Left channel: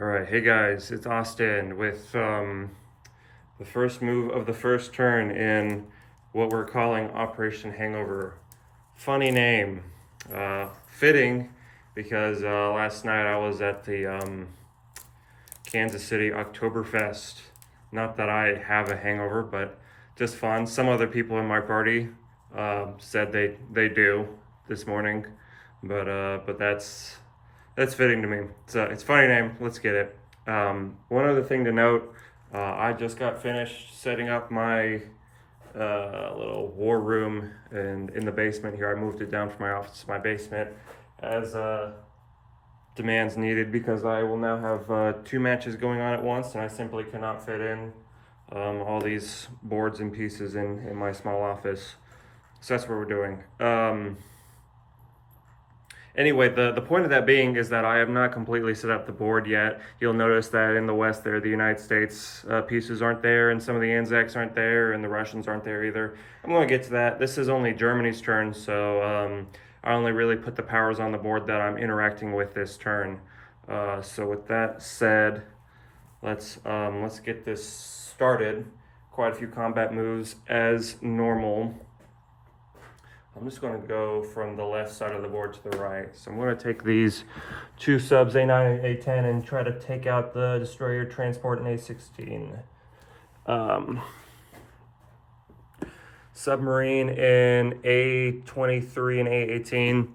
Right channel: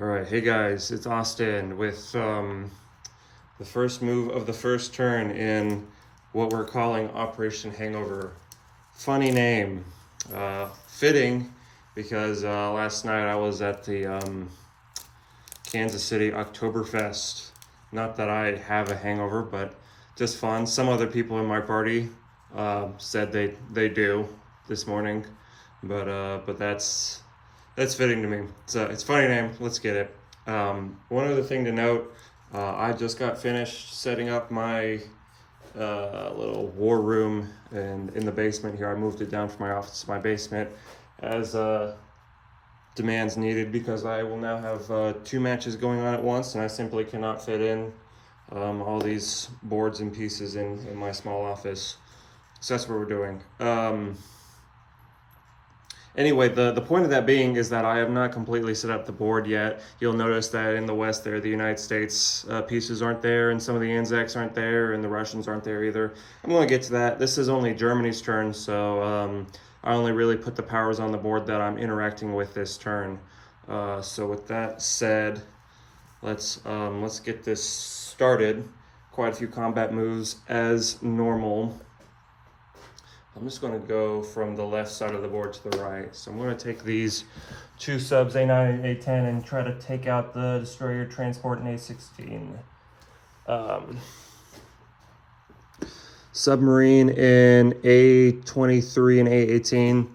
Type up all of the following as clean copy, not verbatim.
All right, hey guys, it's Austin with the first move of the first turn in what we're calling Operation Hangover. Funny name, fitting because last night I was at the Kansas City Oktoberfest. Not that I have a hangover, but just fun. Some other people in my party said they do this morning, but that's fitting to me. It's a funny name. Let's get it. One other thing to note, I just got finished setting up my little war room and in the basement here. I moved it down from my office to my basement as demands needed because I will now have two matches going on at once, and I simply cannot fit in all these boards and pieces in my small office. So that's what we're doing. Anyway, the point of that being is that I have not completely set up the board yet. You'll notice that in the West there, the United States pieces aren't there, and some of the Anzacs aren't there, and the Russians aren't there either. I'm going to get to that. This is only Germany's turn, so I only really put the powers on the board that I'm interacting with this turn. So with that said, let's get this started. Quite a few combat moves as normal. I'm just going to go from the left side of the board to the right. So I'm going to take these two subs, A9 and A10, and try to take out the destroyer, transport, and A16. Submarine in A23 and A18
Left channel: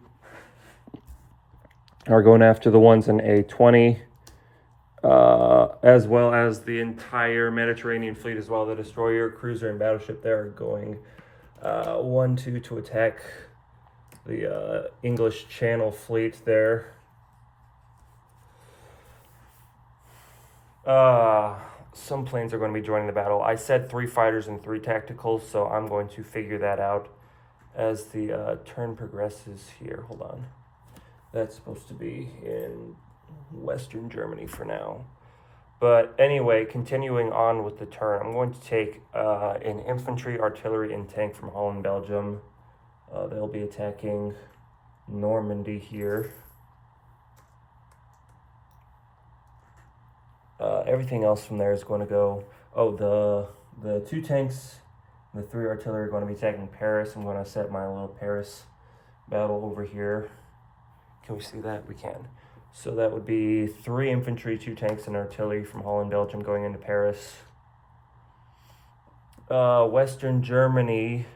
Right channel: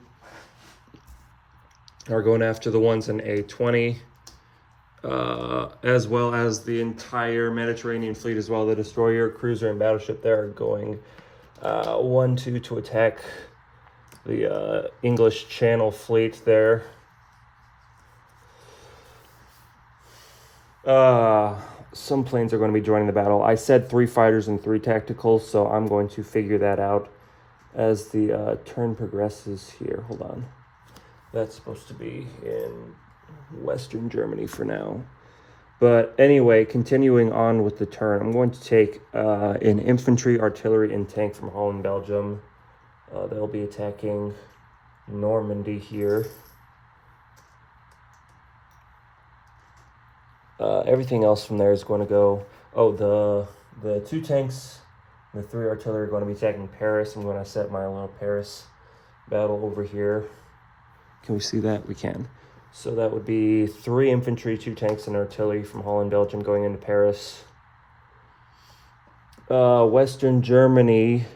are going after the ones in A20, as well as the entire Mediterranean fleet, as well. The destroyer, cruiser, and battleship there are going 1-2 to attack the English Channel fleet there. Some planes are going to be joining the battle. I said 3 fighters and 3 tacticals, so I'm going to figure that out as the turn progresses here. Hold on. That's supposed to be in Western Germany for now. But anyway, continuing on with the turn, I'm going to take an infantry, artillery, and tank from Holland, Belgium. They'll be attacking Normandy here. Everything else from there is going to go... Oh, the 2 tanks and the 3 artillery are going to be attacking Paris. I'm going to set my little Paris battle over here. Can we see that? We can. So that would be 3 infantry, 2 tanks, and artillery from Holland, Belgium going into Paris. Western Germany,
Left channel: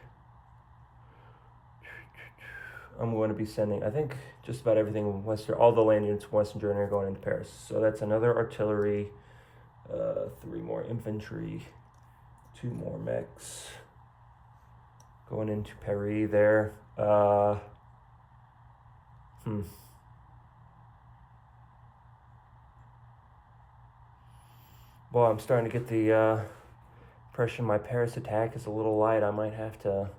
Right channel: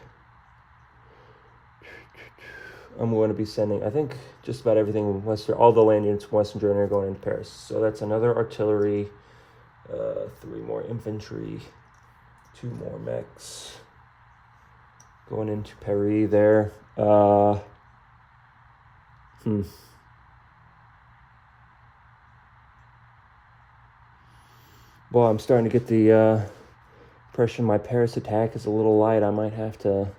I'm going to be sending, I think, just about everything in all the land units from Western Germany are going into Paris. So that's another artillery, 3 more infantry, 2 more mechs going into Paris there. Well, I'm starting to get the impression my Paris attack is a little light. I might have to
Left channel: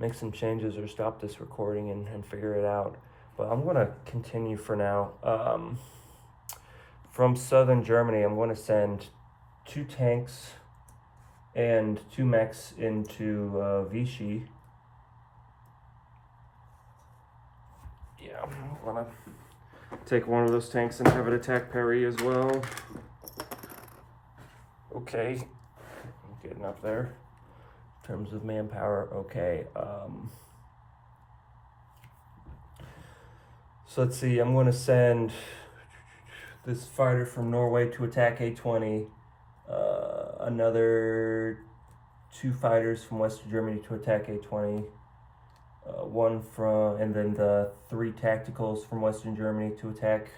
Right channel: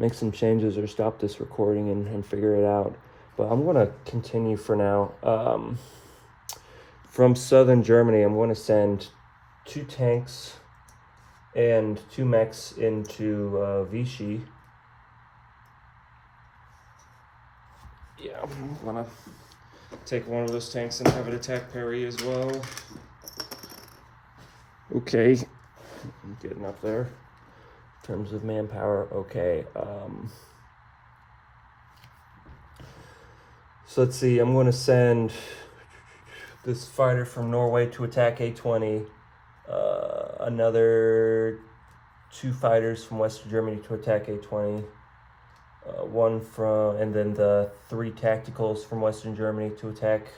make some changes or stop this recording and figure it out. But I'm going to continue for now. From southern Germany, I'm going to send 2 tanks and 2 mechs into Vichy. Yeah, I'm going to take one of those tanks and have it attack Paris as well. Okay, I'm getting up there in terms of manpower. Okay, so let's see, I'm going to send this fighter from Norway to attack A20, another 2 fighters from Western Germany to attack A20, and then the 3 tacticals from Western Germany to attack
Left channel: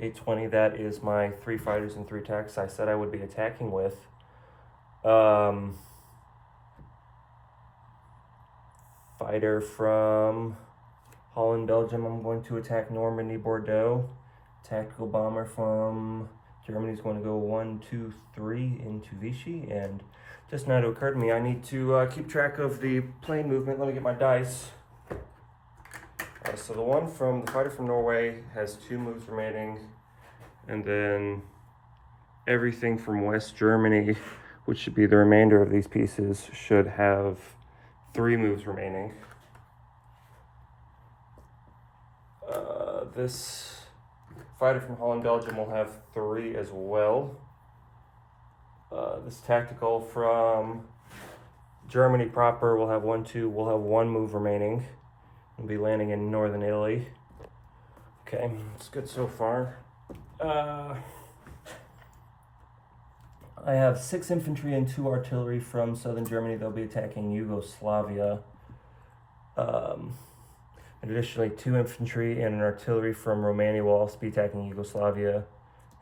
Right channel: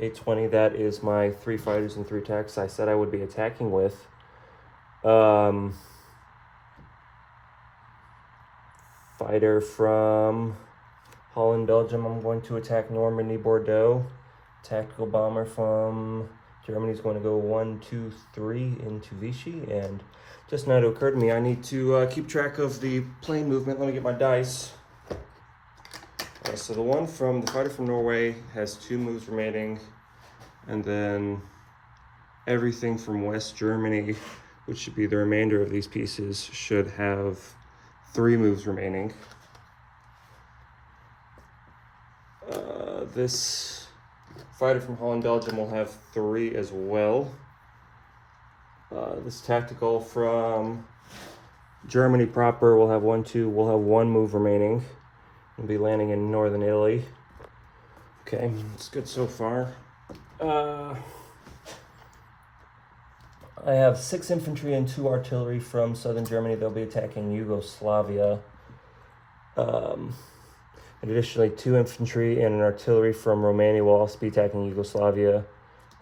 A20. That is my 3 fighters and 3 tanks I said I would be attacking with. Fighter from Holland, Belgium, I'm going to attack Normandy, Bordeaux. Tactical bomber from Germany is going to go 1, 2, 3 into Vichy. And just now it occurred to me, I need to keep track of the plane movement. Let me get my dice. So the fighter from Norway has 2 moves remaining, and then everything from West Germany, which should be the remainder of these pieces, should have 3 moves remaining. This fighter from Holland, Belgium will have 3 as well. This tactical from Germany proper will have 1, 2. We'll have 1 move remaining. We'll be landing in northern Italy. Okay, it's good so far. I have 6 infantry and 2 artillery from southern Germany. They'll be attacking Yugoslavia. Additionally, 2 infantry and an artillery from Romania will also be attacking Yugoslavia.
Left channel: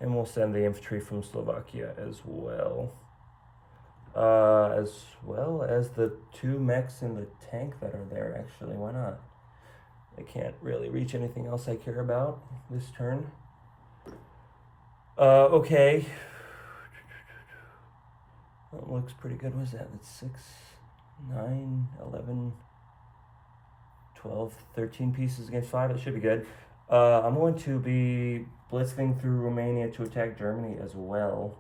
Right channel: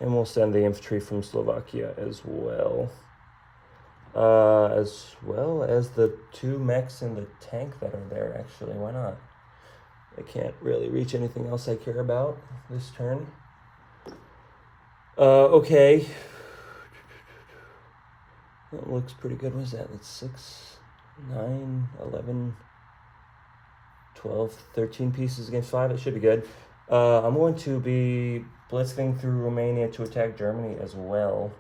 And we'll send the infantry from Slovakia as well. As well as the 2 mechs and the tank that are there, actually. Why not? I can't really reach anything else I care about this turn. Okay. That looks pretty good. What is that? That's 6, 9, 11, 12, 13 pieces against 5. It should be good. I'm going to be blitzing through Romania to attack Germany as well.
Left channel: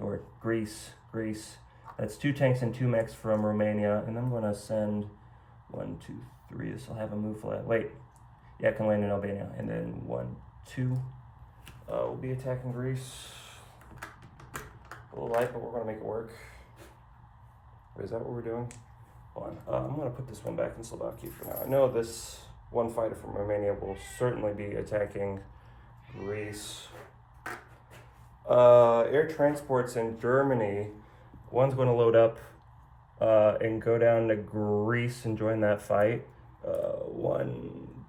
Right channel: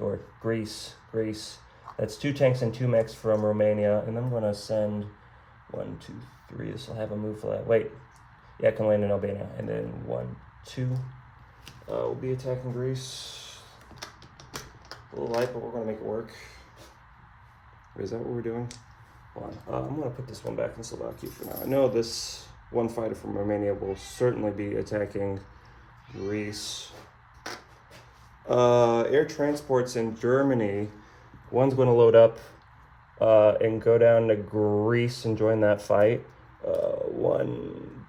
Or Greece. That's 2 tanks and 2 mechs from Romania. And I'm going to send 1, 2, 3. This will have a move for that. Wait. Yeah, I can land in Albania. And then 1, 2. We'll be attacking Greece. A little light, but we're going to make it work. Is that what we're doing? Hold on. I'm going to put this one back in Slovakia for now. I know this 1 fighter from Romania will certainly be attacking Greece. Air transports in Germany. One's going to load up and go down to Greece and join that fight. 1,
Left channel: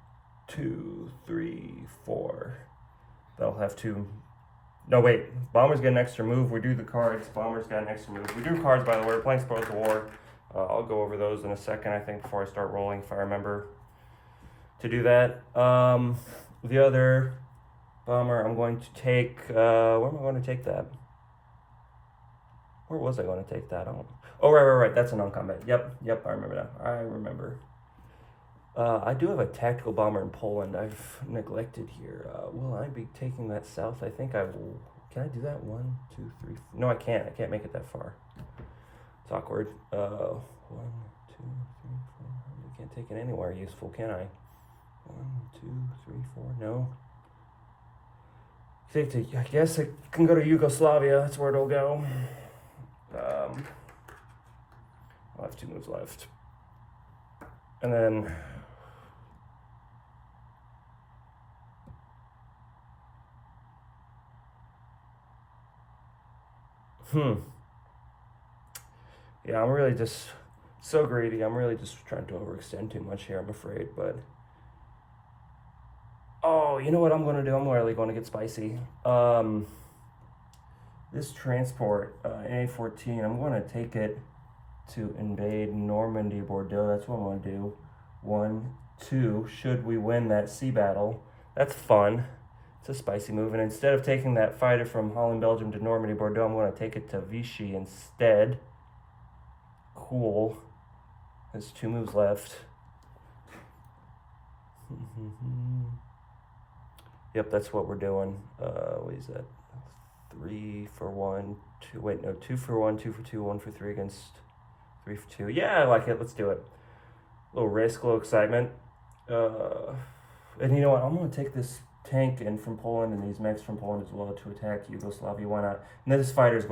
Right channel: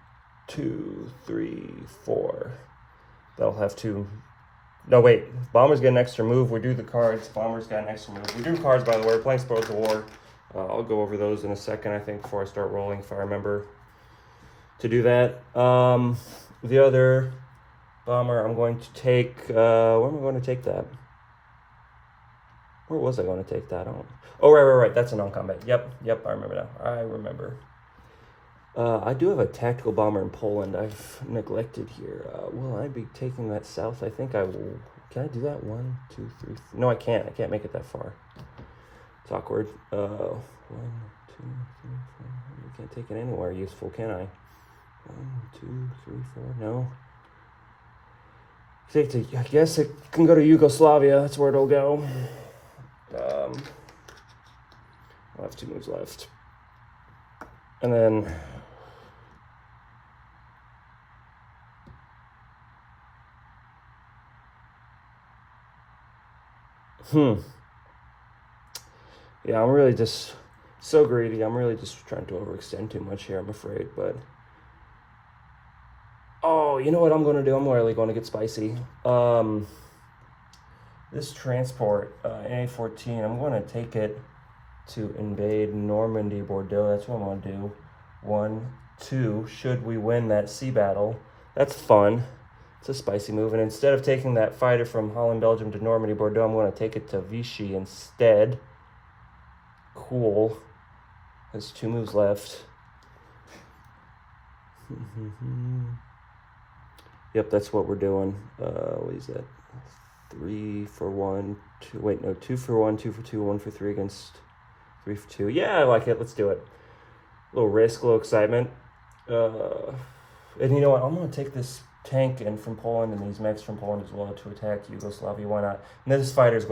2, 3, 4. They'll have 2. No, wait. Bombers get an extra move. We do the cards. Bombers got an extra move. We do cards, by the way. We're playing Spoils of War. I'll go over those in a second, I think, before I start rolling, if I remember to do that. The other bomber I'm going to take... where am I going to take that? Where was I going to take that? Oh, right. That's a non-combat. Yep, I remember now. I remember. I do have a tactical bomber in Poland I've neglected here. Will I be taking that south? I think I will. Can I do that? 1, 2, 3, 4. No, I can't. I can't make it that far. It's awkward. 1, 2, 3, 4. I can't take it anywhere useful, can I? 1, 2, 3, 4. No. I guess it can go to Yugoslavia. That's where it'll go. I'll have 2 moves left. And then... Yeah, I'm really just so greedy. I'm really just trying to overextend too much here, I'm afraid. But oh, you know what I'm going to do? I'm really going to get spicy. This transport, A14, I'm going to take it to invade Normandy, Bordeaux. That's what I'm going to do. 1, 2, should we win that sea battle. That's fun. It's a spicy move. And instead of taking that fighter from Holland, Belgium to Normandy, Bordeaux, I'm going to take it to Vichy instead. Cool. There's 2 moves left. Yep, that's what we're doing. What is that? 3 for 1, 2. Wait, no, 2 for 1, 2 for 2, 1 for 3 against 3 for 2. Yeah, I like it. Let's do it. A little risk, a little excitement. And you know what? I'm going to take this tank in from Poland and these mechs from Poland as well to attack Yugoslavia. Why not? And this fighter is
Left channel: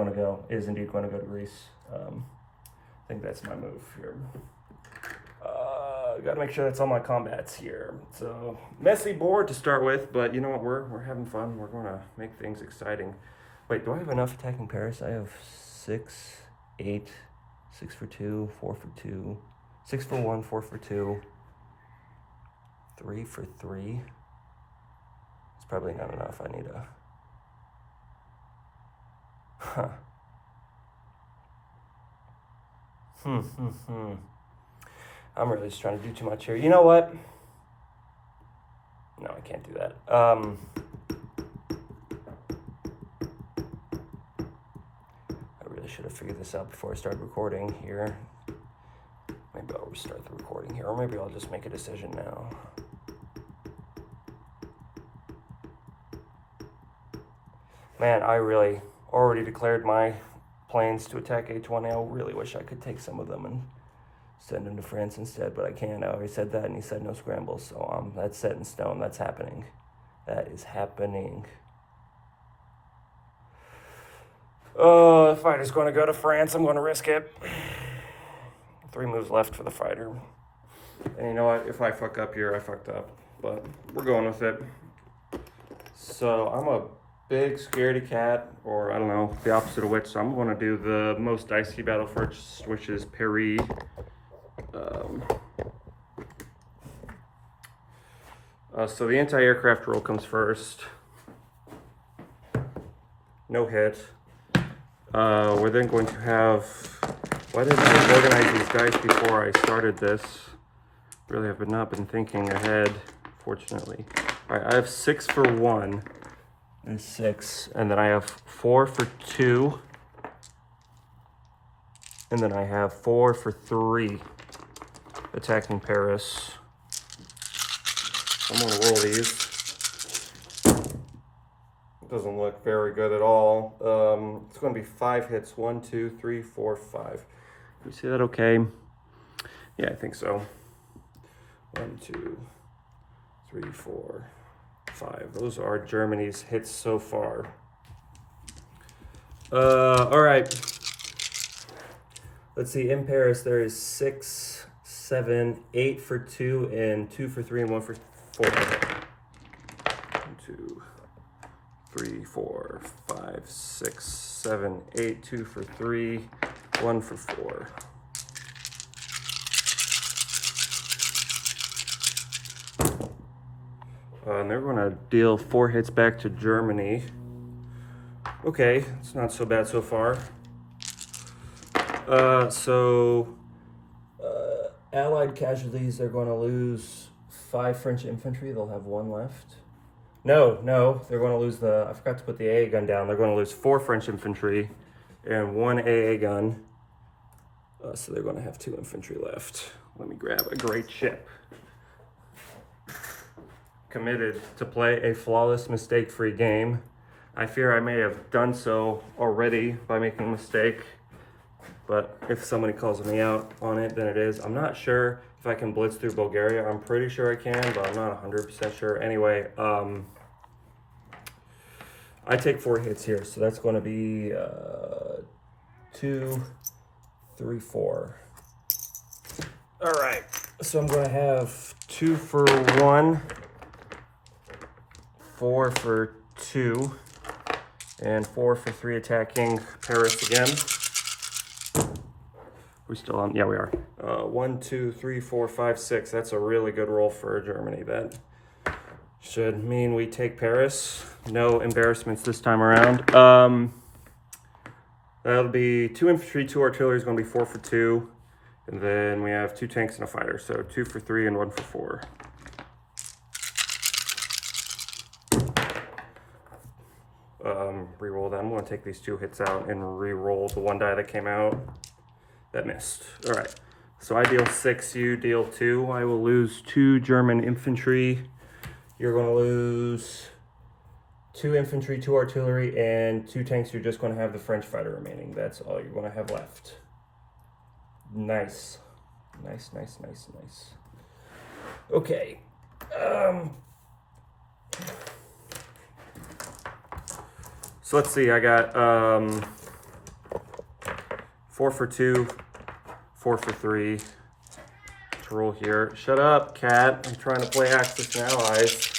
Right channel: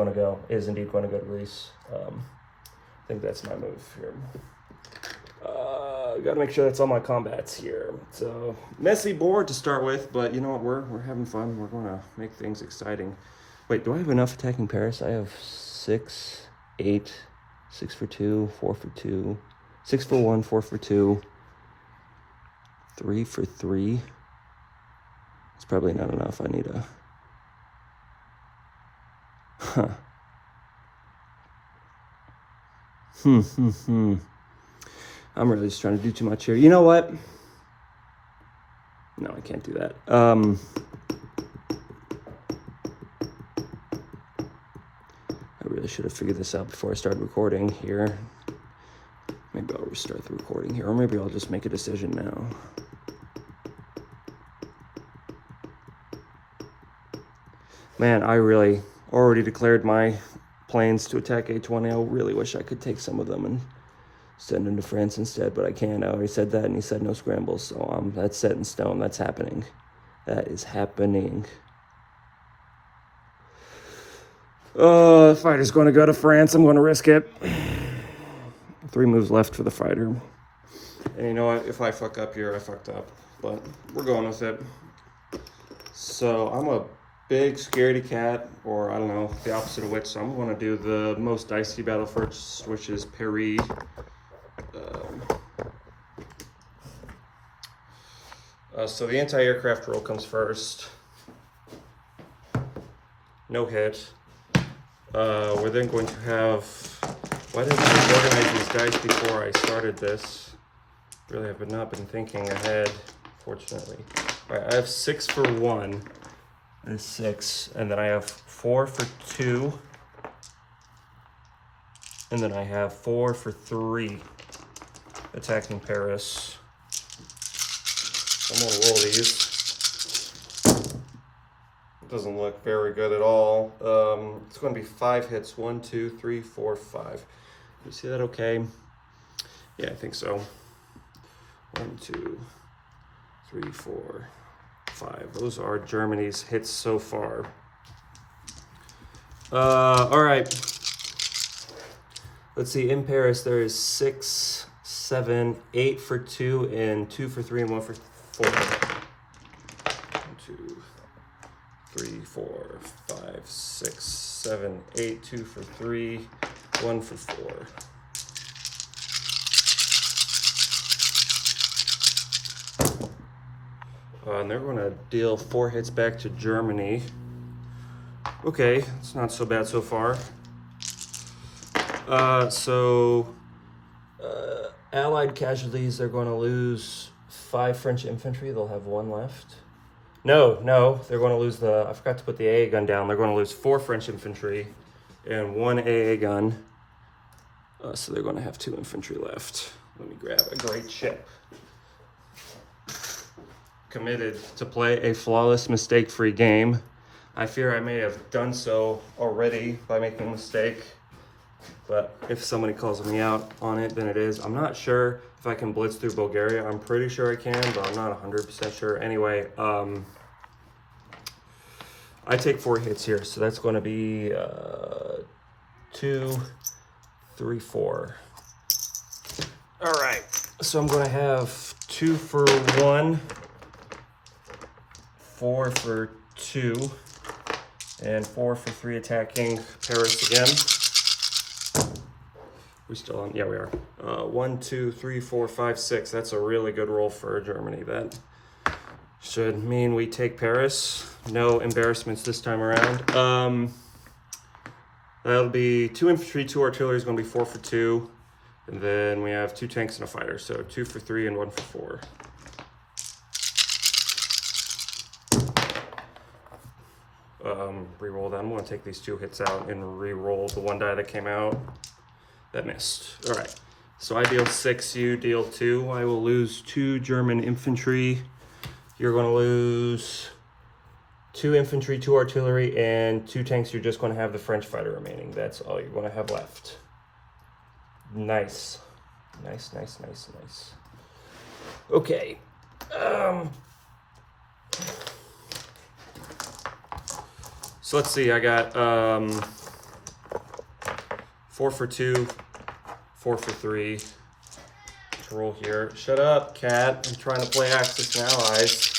indeed going to go to Greece. I think that's my move here. Got to make sure that's all my combats here. So messy board to start with, but you know what? We're having fun. We're going to make things exciting. Wait, do I have enough attacking Paris? I have 6, 8, 6 for 2, 4 for 2, 6 for 1, 4 for 2, 3 for 3. It's probably not enough. I need a... I'm really just trying to do too much here. You know what? No, I can't do that. I really should have figured this out before I started recording here. Maybe I'll restart the recording here, or maybe I'll just make a decision now. Man, I really already declared my plans to attack H1. I really wish I could take some of them and send him to France instead, but I can't. I already said that, and he said no scrambles, so that's set in stone. That's happening. That is happening. Fighter's going to go to France. I'm going to risk it. 3 moves left for the fighter. And you know what? If I fuck up here, I fucked up. But we're going with it. So I'm a big scaredy cat, or I don't know, the opposite of which. So I'm going to do the most dicey battle first, which is Paris. So the anti-aircraft roll comes first. No hit. We're then going to have... Why didn't I organize these dice before I started this? Really have not been thinking ahead, fortunately. All right, I have 6 for 1. There's 6. And then I have 4 for 2. And then I have 4 for 3. Attacking Paris. I'm gonna roll these. It doesn't look very good at all. It's gonna be 5 hits. 1, 2, 3, 4, 5. You see that okay? Yeah, I think so. 1, 2, 3, 4, 5. Those are Germany's hits so far. All right. Let's see. In Paris, there is 6, 7, 8 for 2, and 2 for 3, and 1 for 4. 1, 2, 3, 4, 5, 6, 7, 8. 2 for 3, 1 for 4. And they're going to deal 4 hits back to Germany. Okay, it's not so bad so far. Allied casualties, they're going to lose 5 French infantry. They'll have 1 left. No, they're going to lose I forgot to put the AA gun down. They're going to lose 4 French infantry and 1 AA gun. So they're going to have 2 infantry left. Let me grab a great ship. Committed to play a flawless, mistake-free game. I fear I may have done so already by making a mistake, but if somebody calls me out on it, then it is. I'm not sure if I can blitz through Bulgaria. I'm pretty sure I can, but I'm not 100% sure. Anyway, I take 4 hits here, so that's going to be 2, 3, 4. All right, so I'm going to have 2 for 1. 4 for 2, and 4 for 3 attacking Paris again. We still on? Yeah, we are. 1, 2, 3, 4, 5, 6. That's a really good roll for Germany. That should mean we take Paris. No embarrassments this time around. That'll be 2 infantry, 2 artillery is going to be 4 for 2. And then we have 2 tanks and a fighter. So 2 for 3 and 1 for 4. Reroll that. I'm going to take these 2 hits out and re-roll the 1 die that came out. That missed. All right. So I deal 6, you deal 2. I will lose 2 German infantry. You're going to lose 2 infantry, 2 artillery, and 2 tanks. You're just going to have the French fighter remaining. That's all you're going to have left. Nice. Nice. Okay. So let's see, I got 4 for 2, 4 for 3 to roll here. Shut up, cat. I'm trying to play Axis and Allies.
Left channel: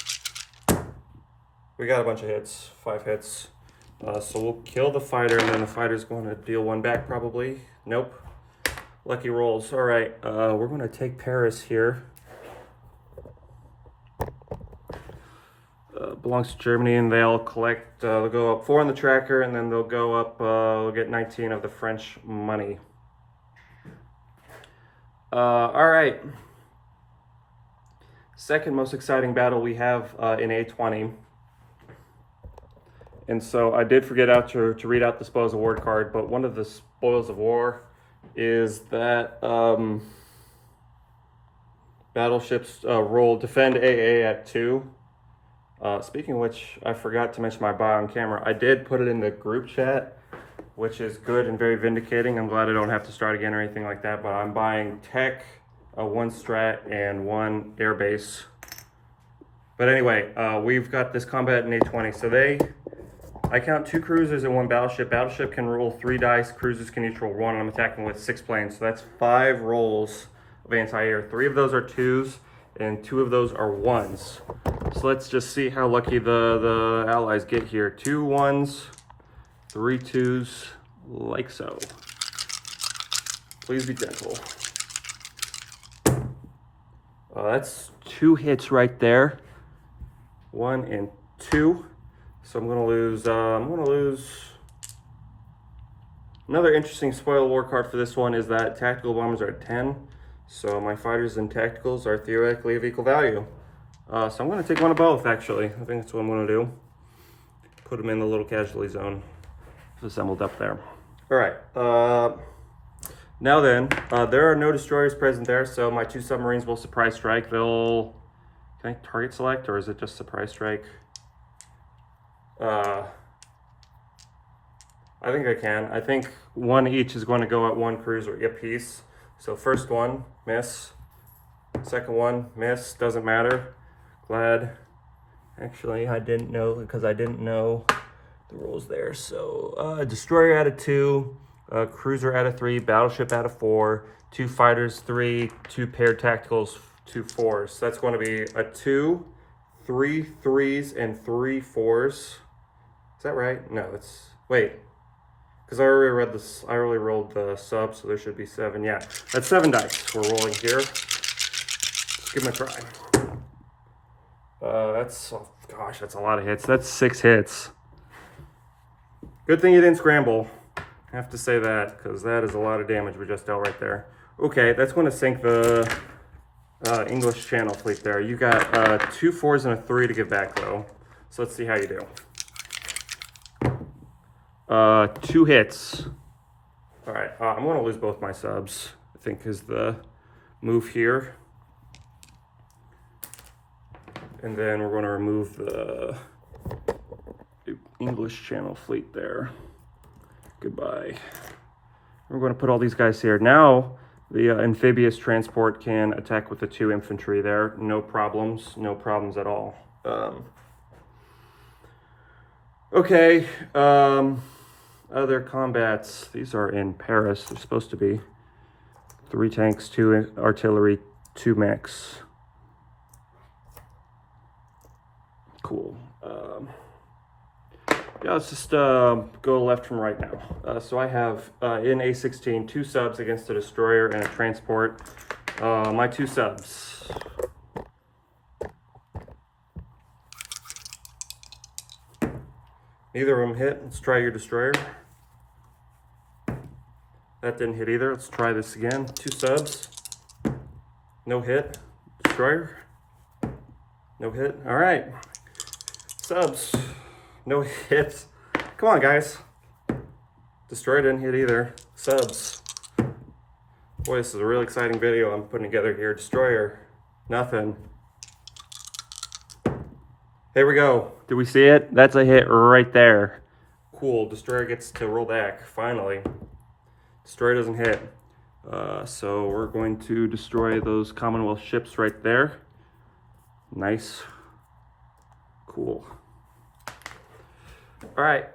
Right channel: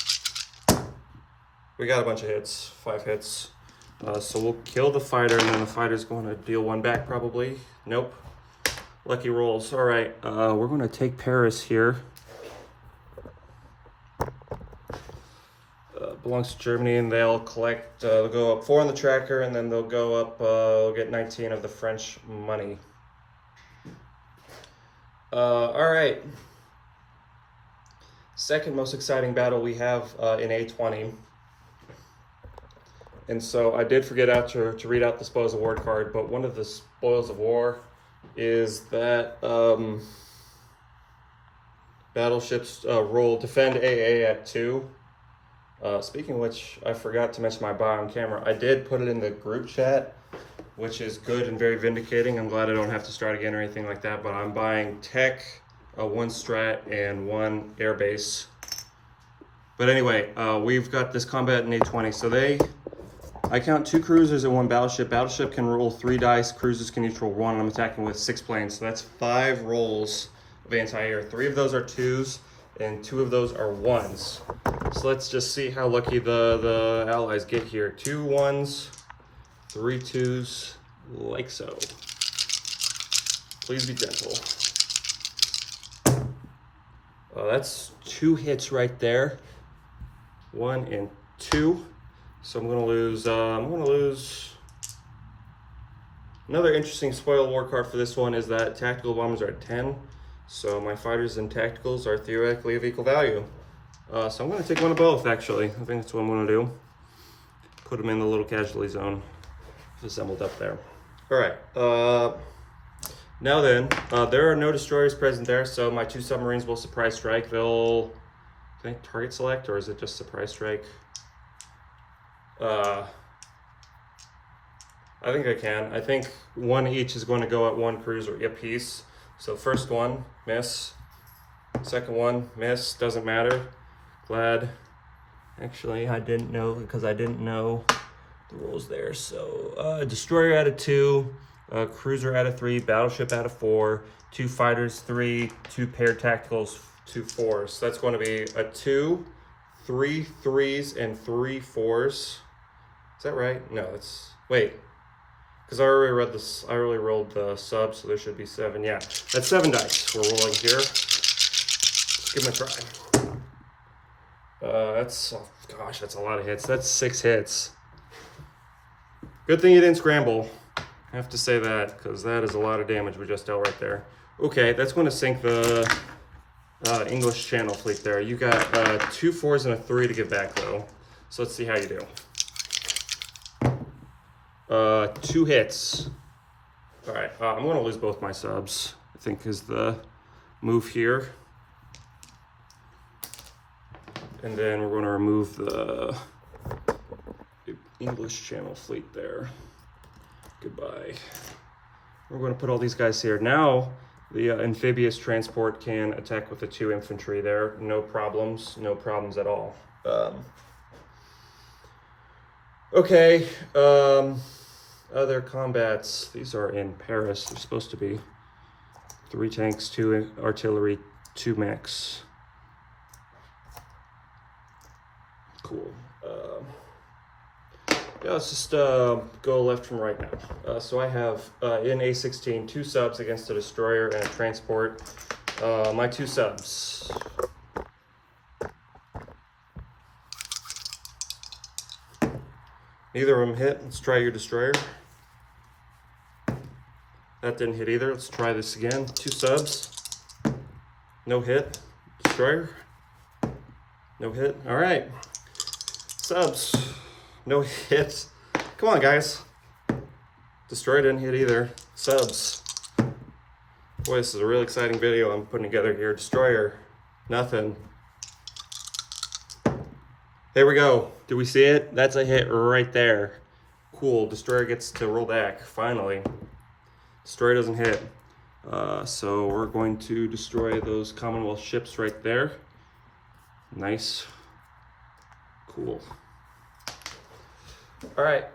We got a bunch of hits, 5 hits. So we'll kill the fighter, and then the fighter's going to deal 1 back probably. Nope. Lucky rolls. All right, we're going to take Paris here. Belongs to Germany, and they'll collect, they'll go up 4 in the tracker, and then they'll go up, they'll get 19 of the French money. All right. Second most exciting battle we have in A20. And so I did forget to read out the Spoils of War card, but one of the Spoils of War is that battleships roll defend AA at 2. Speaking of which, I forgot to mention my buy on camera. I did put it in the group chat. which is good and very vindicating. I'm glad I don't have to start again or anything like that, but I'm buying tech, one strat, and one airbase. But anyway, we've got this combat in A20. So I count 2 cruisers and 1 battleship. Battleship can roll 3 dice, cruisers can each roll 1, and I'm attacking with 6 planes. So that's 5 rolls of anti-air. 3 of those are 2s, and 2 of those are 1s. So let's just see how lucky the allies get here. 2 1s, 3 2s, like so. Please be gentle. That's 2 hits right there. 1 and 2. So I'm gonna lose. Another interesting spoil war card for this one is that tactical bombers are at 10. So my fighters and tacticals are theoretically of equal value. So I'm gonna take one of both. Actually, I think that's what I'm gonna do. Put them in the little casualty zone, assembled up there. All right. Now then, there are no destroyers present there, so my 2 submarines will surprise strike. Can I target select, or is it just surprise strike? I think I can. I think 1 each is going to go at 1 cruiser apiece. So first one, miss. Second one, miss. Doesn't matter. Glad. Actually, I didn't know, because I didn't know the rules there. So destroyer out of 2. Cruiser out of 3, battleship out of 4, 2 fighters 3, 2 paired tacticals 2 4s. So that's going to be a 2, 3 3s, and 3 4s. Is that right? No, it's wait, because I already read this. I already rolled the sub, so there should be 7. Yeah, that's 7 dice we're rolling here. Let's give them a try. Oh gosh, that's a lot of hits. That's 6 hits. Good thing you didn't scramble. I have to say that, because that is a lot of damage we just dealt right there. Okay, that's going to sink the English Channel fleet there. You got 2 4s and a 3 to give back, though. So let's see how you do. 2 hits. All right, I'm going to lose both my subs, I think, is the move here. And then we're going to remove the English Channel fleet there. Goodbye. We're going to put all these guys here. Now, the amphibious transport can attack with the 2 infantry there. No problems at all. Okay, other combats. These are in Paris. They're supposed to be 3 tanks, 2 artillery, 2 mechs. Cool. Yeah, let's just go left from right now. So I have in A16 2 subs against a destroyer and a transport. My 2 subs. Neither of them hit. Let's try your destroyer. That didn't hit either. Let's try this again. 2 subs. No hit. Destroyer. No hit. All right. Subs. No hits. Come on, guys. Destroyer didn't hit either. Subs. Boy, this is a really exciting video I'm putting together here. Destroyer. Nothing. There we go. Do we see it? That's a hit right there. Cool. Destroyer gets to roll back, finally. Destroyer doesn't hit. So we're going to destroy those Commonwealth ships right there. Nice. Cool. All right.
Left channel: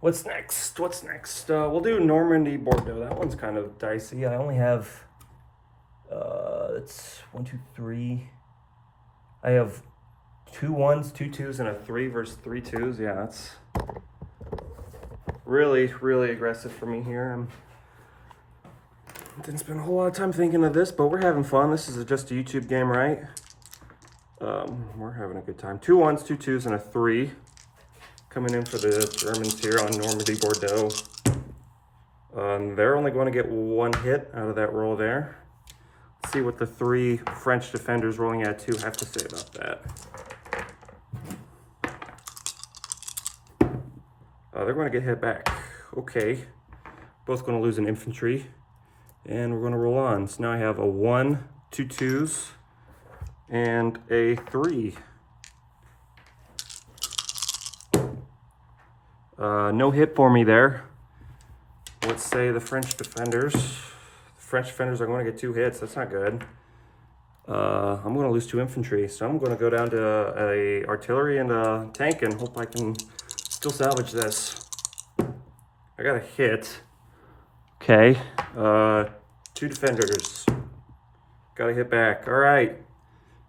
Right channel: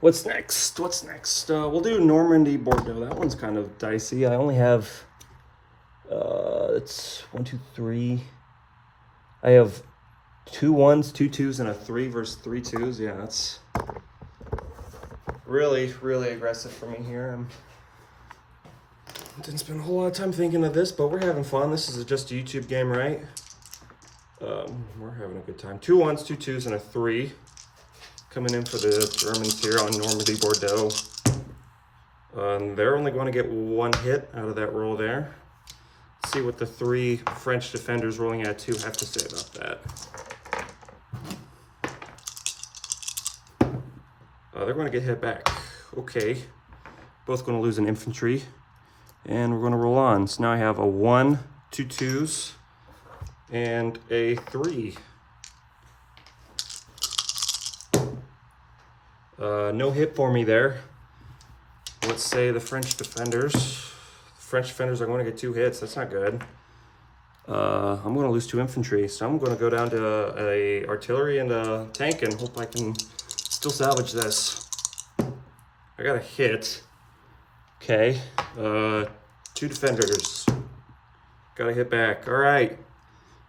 What's next? We'll do Normandy Bordeaux. That one's kind of dicey. I only have it's 1 2 3. I have 2 1s, 2 2s, and a 3 versus 3 2s. Yeah, that's really aggressive for me here. Didn't spend a whole lot of time thinking of this, but we're having fun. This is just a YouTube game, right? We're having a good time. 2 1s, 2 2s, and a 3. Coming in for the Germans here on Normandy Bordeaux. They're only going to get 1 hit out of that roll there. Let's see what the 3 French defenders rolling at 2 have to say about that. They're going to get hit back. Okay. Both going to lose an infantry. And we're going to roll on. So now I have a 1, 2 2s, and a 3. No hit for me there. Let's say the French defenders. The French defenders are going to get 2 hits. That's not good. I'm going to lose 2 infantry, so I'm going to go down to a artillery and a tank and hope I can still salvage this. I got a hit. Okay. 2 defenders. Got a hit back. All right.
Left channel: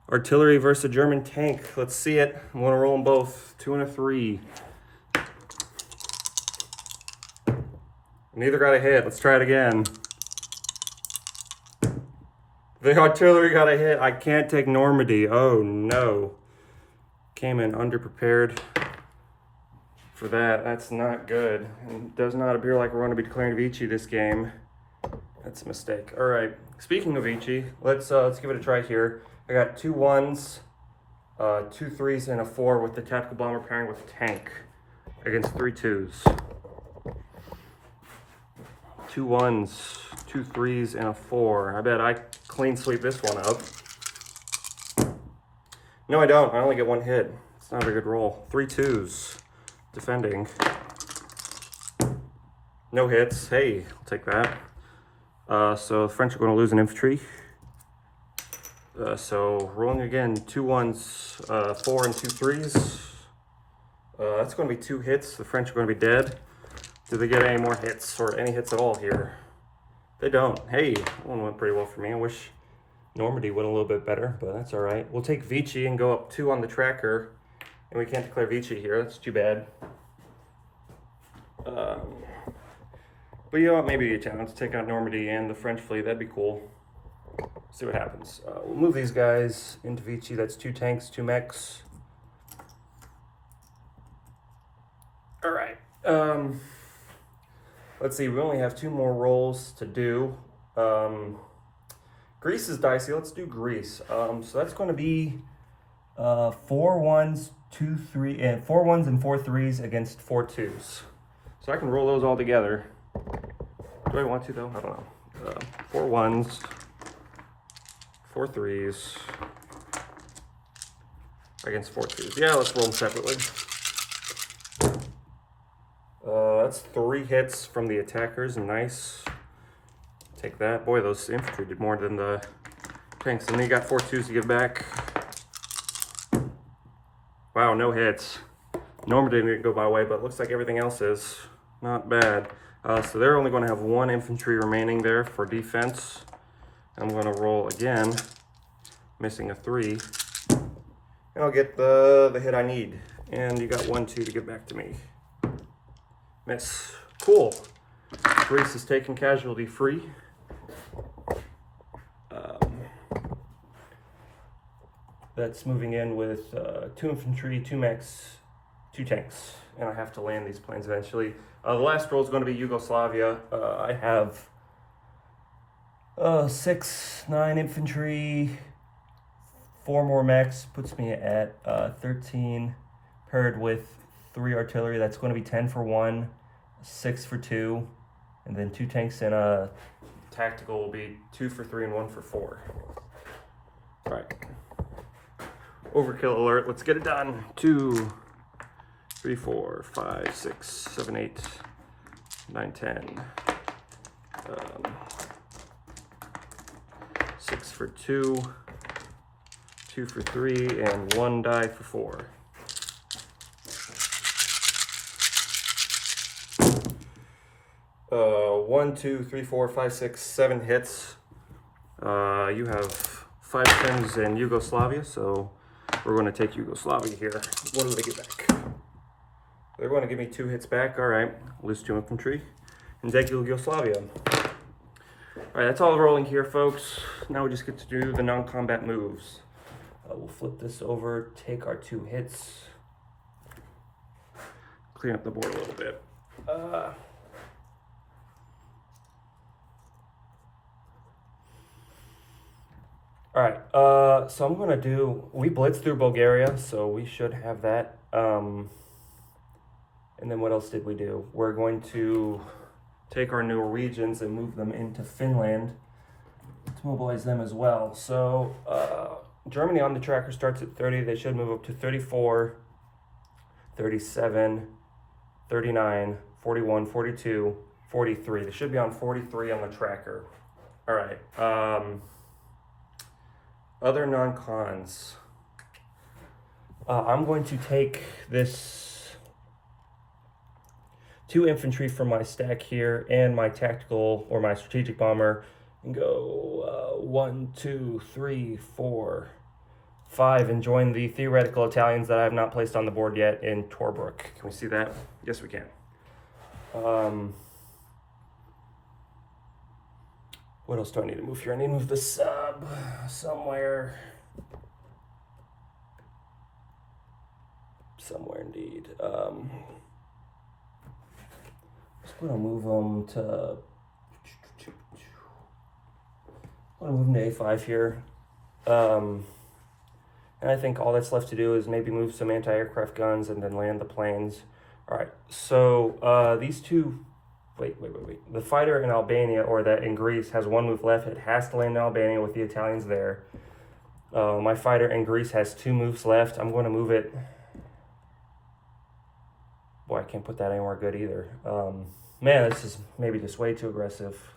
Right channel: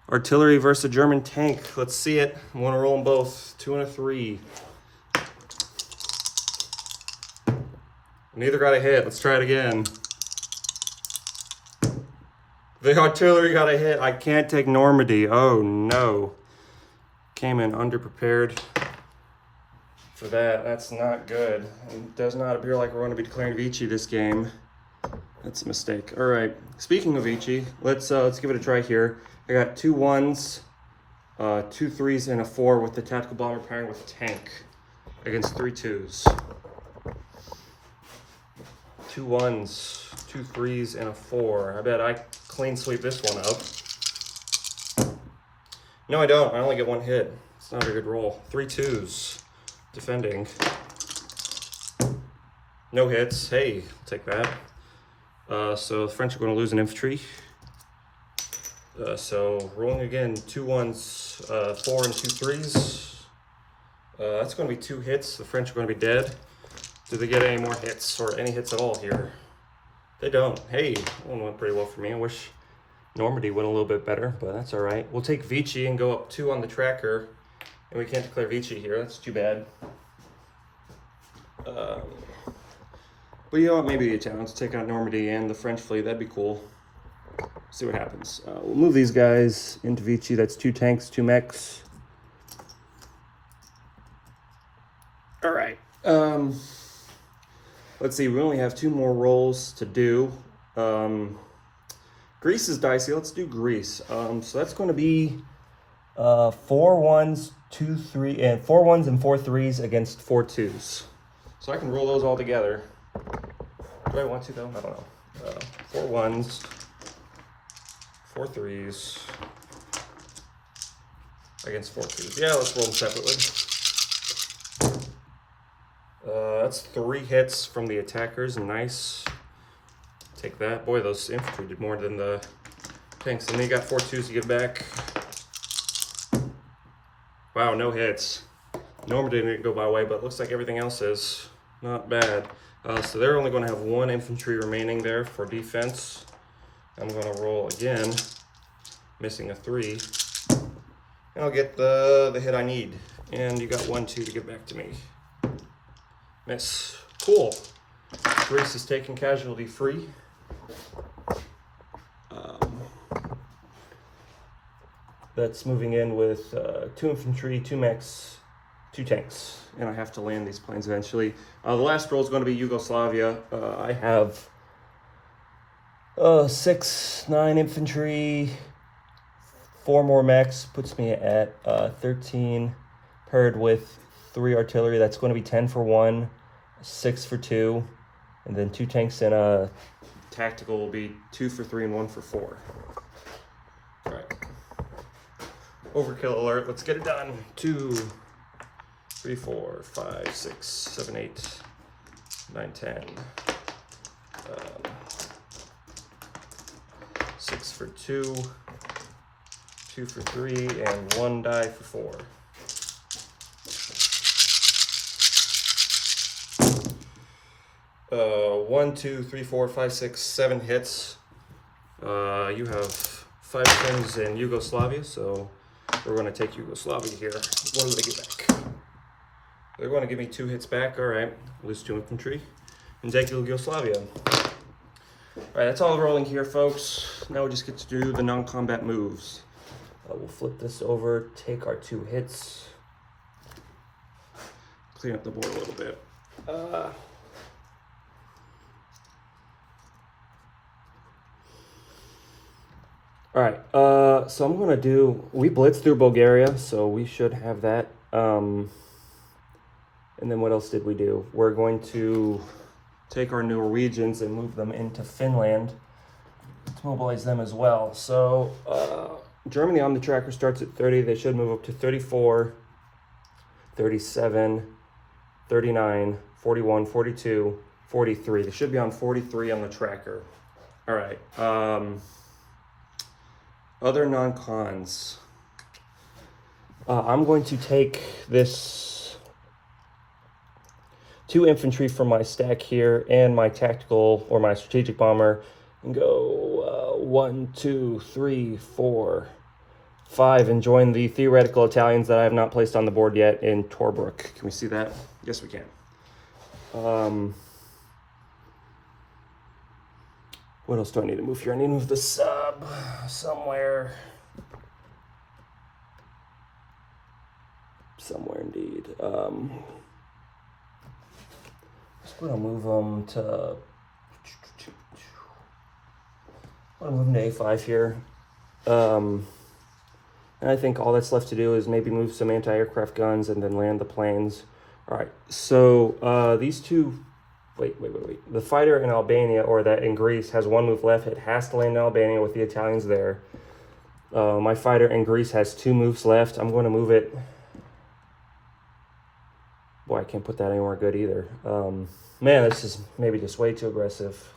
Artillery versus a German tank. Let's see it. I'm going to roll them both. 2 and a 3. Neither got a hit. Let's try it again. The artillery got a hit. I can't take Normandy. Oh no. Came in underprepared for that. That's not good. It does not appear like we're going to be declaring Vichy this game. That's a mistake. All right. Speaking of Vichy, let's give it a try here. I got 2 1s, 2 3s, and a 4 with the tactical bomber pairing with tank against 3 2s. 2 1s, 2 3s, and a 4. I bet I clean sweep this one up. No, I don't. I only get 1 hit. It's not a good roll. 3 2s. Defending. No hits. Hey, I'll take that. So the French are going to lose an infantry. So rolling again, 2 1s, 4 and 2 3s. That's going to be 2 hits. The French are going to be dead. Do they get any more hits or any hits at all here? They don't. Hey, that one went pretty well for me. I wish Normandy went a little bit better, but that's all right. We'll take Vichy and go up 2 on the tracker, and we can't declare Vichy here. That's too bad. But you know what? Maybe the Italians take out Normandy and the French fleet. That'd be cool. See what happens. We'll move these guys into Vichy. That's 2 tanks, 2 mechs. All right. Let's see. We only have 2 more rolls to do. Greece is dicey. Let's do Greece. So that's going to be 4 1s, 2 3, and 4 1s and 4 3s against 4 2s. So I can roll those all together. Do I want to though? I don't know. 4 1s, 4 3s against 4 2s. Yeah, let's roll them separately. That's 3 hits from the attackers. Nice. Take that. Boy, those infantry did more than the tanks. And they got 4 2s to get back. Wow, no hits. Normandy didn't go my way, but it looks like everything else is. Not bad. So they're only going to have 1 infantry remaining there for defense. I'm going to roll again, missing a 3. And I'll get the hit I need. And you got 1 2 to get back to me. Miss. Cool. Greece is taken casualty free. That's moving in with 2 infantry, 2 mechs, 2 tanks. And I have to land these planes eventually. The last roll is going to be Yugoslavia. I have 6, 9 infantry, 4 more mechs, puts me at 13, paired with 3 artillery. That's going to be 10 for 1, 6 for 2, and then 2 tanks and a tactical will be 2 for 3 and 1 for 4. All right. Overkill alert. Let's get it done. 2, 3, 4, 5, 6, 7, 8, 9, 10. 6 for 2, 2 for 3, and 1 die for 4. One, 2, 3, 4, 5, 6, 7 hits. You have 5 things in Yugoslavia, so we're going to take Yugoslavia here. What do they get back? They're going to give me 2 hits back. All right, lose 2 infantry and take Yugoslavia. All right, that's all rolling here, folks. Now we just get to do the non-combat moves. We'll flip this over, take our 2 hits, clean up the board a little bit. All right, so I'm going to do, we blitzed through Bulgaria, so we should have that. And then what else did we do? We're going to take our Norwegians and move them into Finland to mobilize them as well. So Germany on the tracker starts at 30. They should move up to 34, 37, 39, 41, 42, 43. They should be on 43 on the tracker. All right. Other non-cons. I'm going to take this 2 infantry from my stack here and my tactical or my strategic bomber and go 1, 2, 3, 4, 5 and join the theoretical Italians that I have not placed on the board yet in Torbrook. Can we see that? Yes, we can. What else do I need to move here? I need to move the sub somewhere. Somewhere indeed. I'm just gonna move them to. I'm gonna move them to A5 here. And I think all that's left to do is maybe move some anti-aircraft guns and then land the planes. All right. So these two. Wait. The fighter in Albania, or that in Greece, has 1 move left. It has to land in Albania with the Italians there. My fighter in Greece has 2 moves left. I'm going to move it. Boy, I can't put that anywhere good either. Man, this is maybe just way too aggressive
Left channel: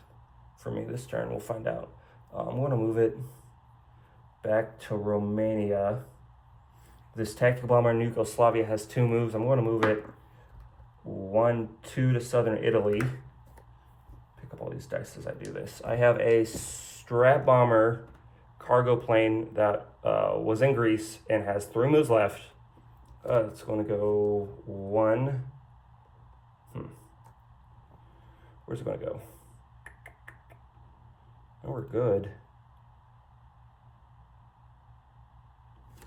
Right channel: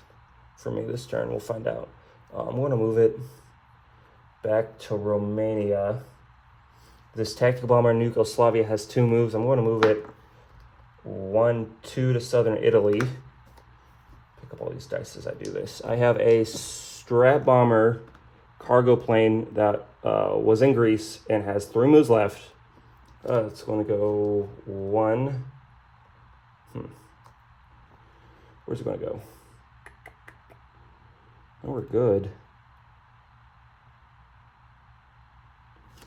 for me this turn. We'll find out. I'm going to move it back to Romania. This tactical bomber in Yugoslavia has 2 moves. I'm going to move it 1, 2 to southern Italy. Pick up all these dice as I do this. I have a Strat bomber cargo plane that was in Greece and has 3 moves left. It's going to go 1. Where's it going to go? Oh, we're good.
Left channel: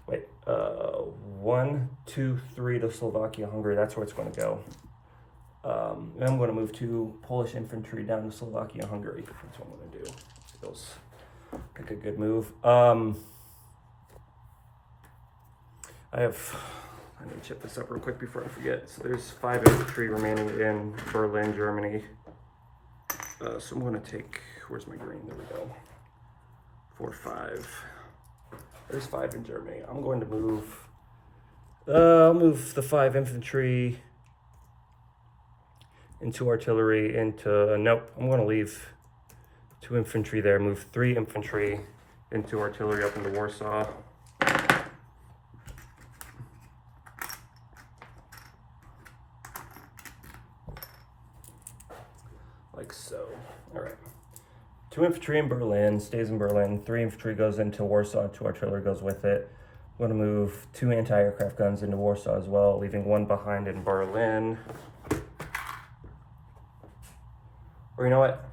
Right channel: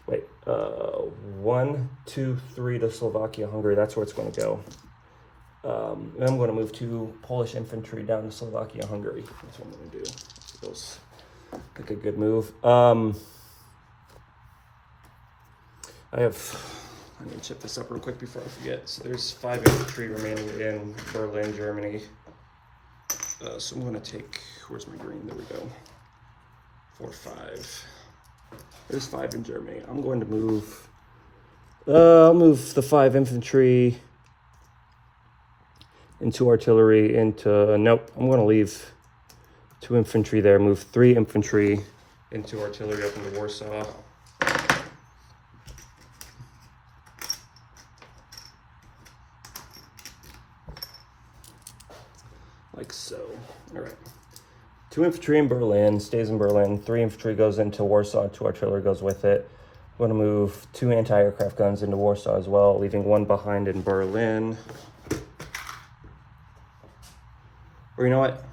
Wait, 1, 2, 3 to Slovakia, Hungary. That's where it's going to go. And I'm going to move 2 Polish infantry down to Slovakia, Hungary. That's what I'm going to do. Feels like a good move. I need to chip this up real quick before I forget. So there's 5 infantry remaining in Berlin, Germany. So I'm going to take, where's my green? There we go. 4, 5. There's 5 in Germany. I'm going to move, I'll move the 5 infantry into artillery into, nope, I'm going to leave 2 infantry there, move 3 infantry into artillery up into Warsaw. Like so. All right. 2 infantry in Berlin, stays in Berlin. 3 infantry goes into Warsaw, 2 artillery goes with it. I'm going to move 2 anti-aircraft guns into Warsaw as well, leaving 1 behind in Berlin. Or you know what?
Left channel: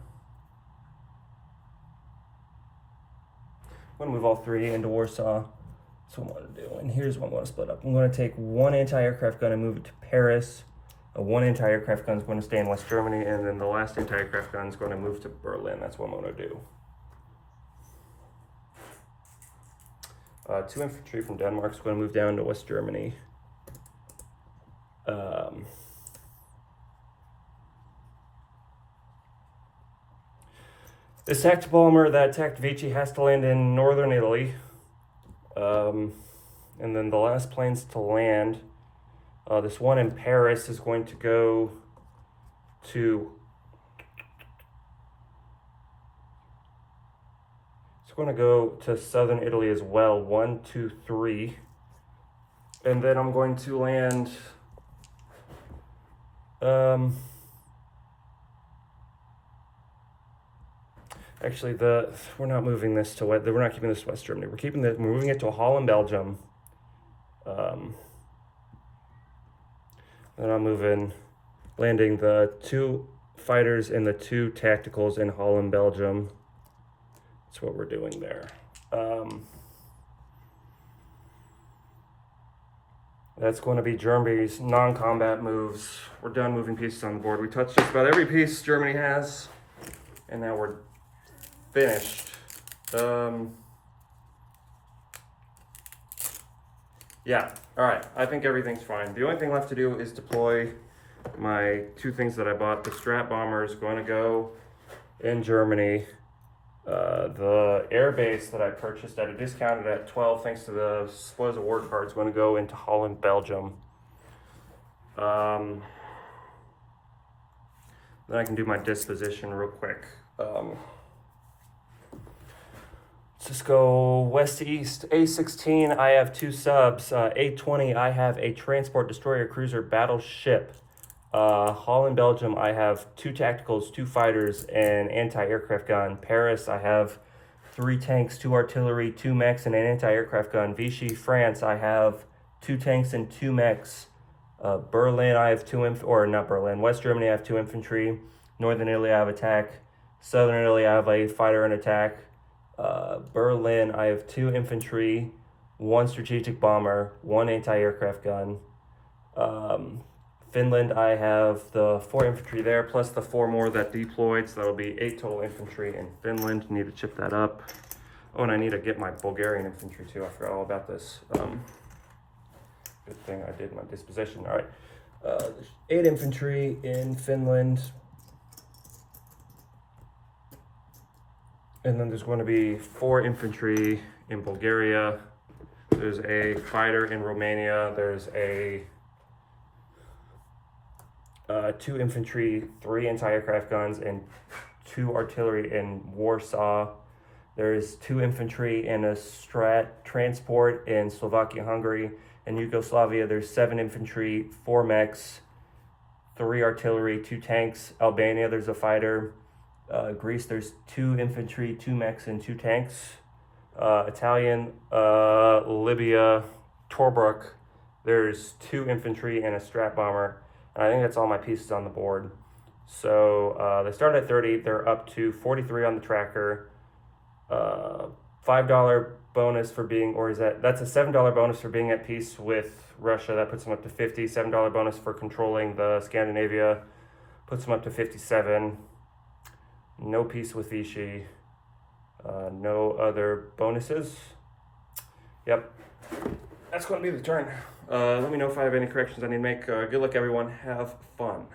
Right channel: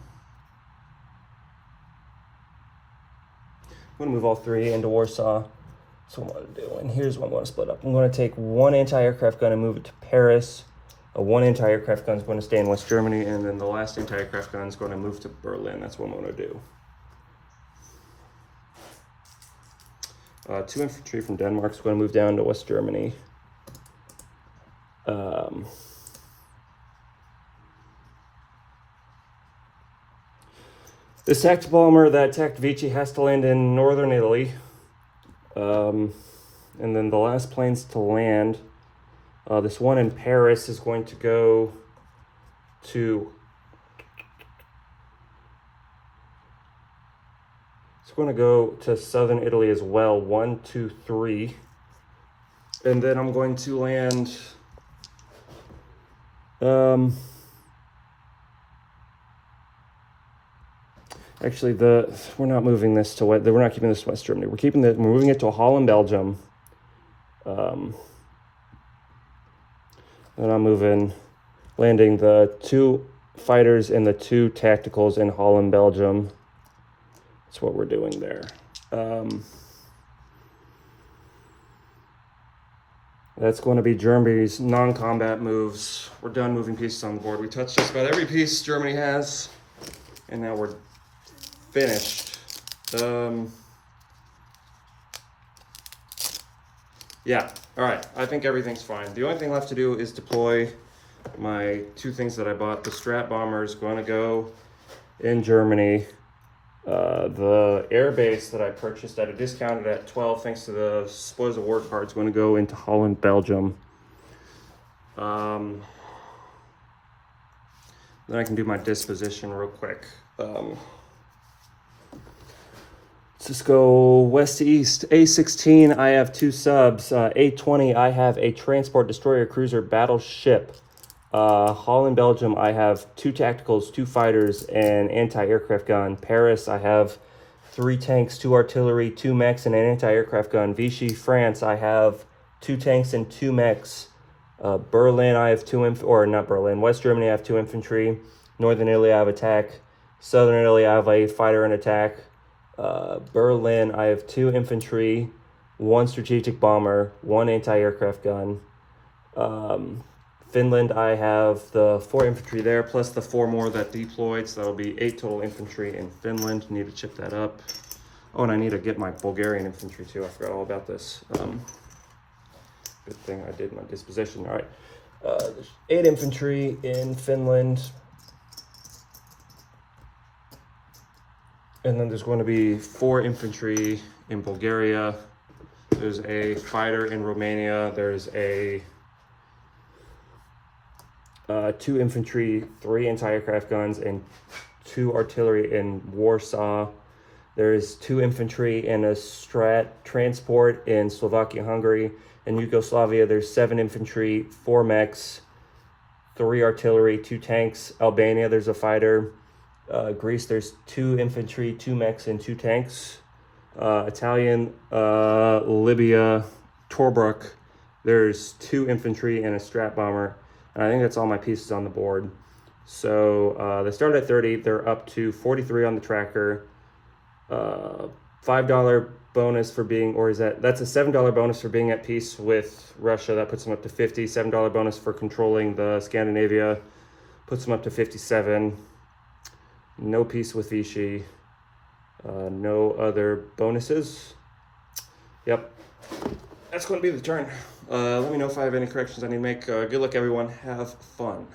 I'm going to move all 3 into Warsaw. That's what I'm going to do. And here's what I'm going to split up. I'm going to take 1 anti-aircraft gun and move it to Paris. 1 anti-aircraft gun is going to stay in West Germany, and then the last anti-aircraft gun is going to move to Berlin. That's what I'm going to do. 2 infantry from Denmark is going to move down to West Germany. This attacked bomber that attacked Vici has to land in northern Italy. And then the last planes to land. This one in Paris is going to go to. It's going to go to southern Italy as well. 1, 2, 3, and then I'm going to land. Actually, we're not moving this to We're not keeping this to West Germany. We're moving it to Holland, Belgium. And I'm landing the 2 fighters and the 2 tacticals in Holland, Belgium. That's what we're doing there. That's going to be Germany's non-combat moves. We're done moving pieces on the board. We touched just about every piece Germany has, and now we're finished. Yeah, all right, I think everything's fine. The only thing left to do is deploy my 2 things that I bought. The Strat bomber is going to go in Germany. The air base that I purchased at a discounted at 12, thanks to the spoils of war card, is going to go into Holland, Belgium. Then I can do my disposition real quick. Let's just go west to east. A16, I have 2 subs. A20, I have a transport destroyer cruiser battleship. Holland, Belgium, I have 2 tacticals, 2 fighters, and anti-aircraft gun. Paris, I have 3 tanks, 2 artillery, 2 mechs, and an anti-aircraft gun. Vichy, France, I have 2 tanks and 2 mechs. Berlin, I have 2 or not Berlin. West Germany, I have 2 infantry. Northern Italy, I have attack. Southern Italy, I have a fighter and attack. Berlin, I have 2 infantry, 1 strategic bomber, 1 anti-aircraft gun. Finland, I have the 4 infantry there, plus the 4 more that deployed, so that'll be 8 total infantry in Finland. Need to chip that up. Oh, and I need to get my Bulgarian infantry too. I forgot all about this. Good thing I did my disposition. All right, 8 infantry in Finland. And then there's going to be 4 infantry in Bulgaria. There's a fighter in Romania. There's a 2 infantry, 3 anti-aircraft guns, and 2 artillery in Warsaw. There's 2 infantry and a strat transport in Slovakia, Hungary. In Yugoslavia, there's 7 infantry, 4 mechs, 3 artillery, 2 tanks. Albania, there's a fighter. Greece, there's 2 infantry, 2 mechs, and 2 tanks. Italian, Libya, Tobruk, there's 2 infantry and a strat bomber. And I think that's all my pieces on the board. So they started at 30, they're up to 43 on the tracker. $5 bonus for being, or is that's a $7 bonus for being at peace with Russia. That puts them up to 50. $7 bonus for controlling the Scandinavia puts them up to 57. No peace with Vichy. No other bonuses. Yep, that's going to be the turn. Let me know if I have any corrections I need to make. Good luck, everyone. Have fun.